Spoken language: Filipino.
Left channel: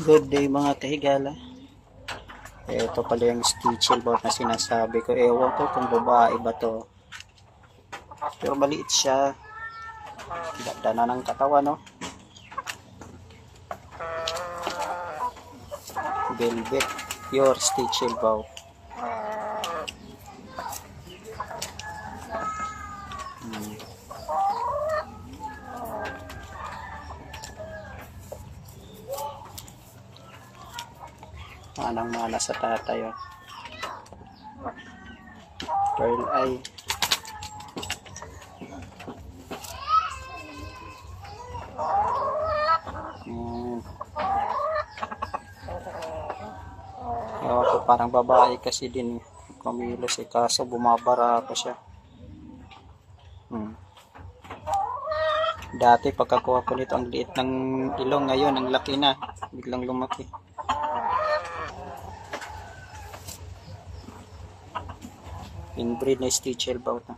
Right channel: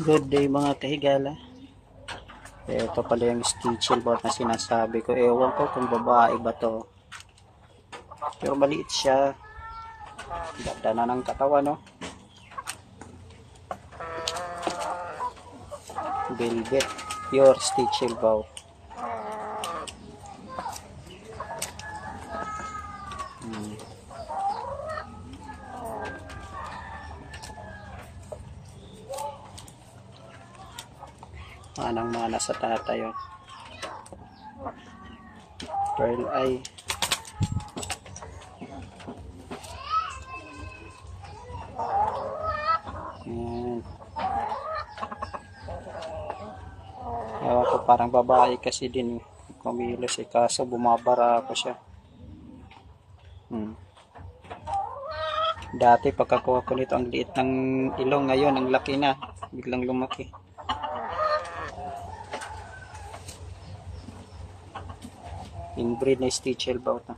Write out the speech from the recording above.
Good day mga kahigala. Ito pala yung Stitchel Bout na sinasabi ko. Ewan ko kung babae ba to. Pero maliit siya. Ganda na ng katawan, no? Velvet. Pure Stitchel Bout. Manang-mana sa tatay, oh. Pearl eye. Ewan ko, parang babae kasi din kumilos, kaso bumabara ako siya. Dati pagkakuha ko nito ang liit ng ilong, ngayon ang laki na, biglang lumaki. Inbreed na Stitchel Bout.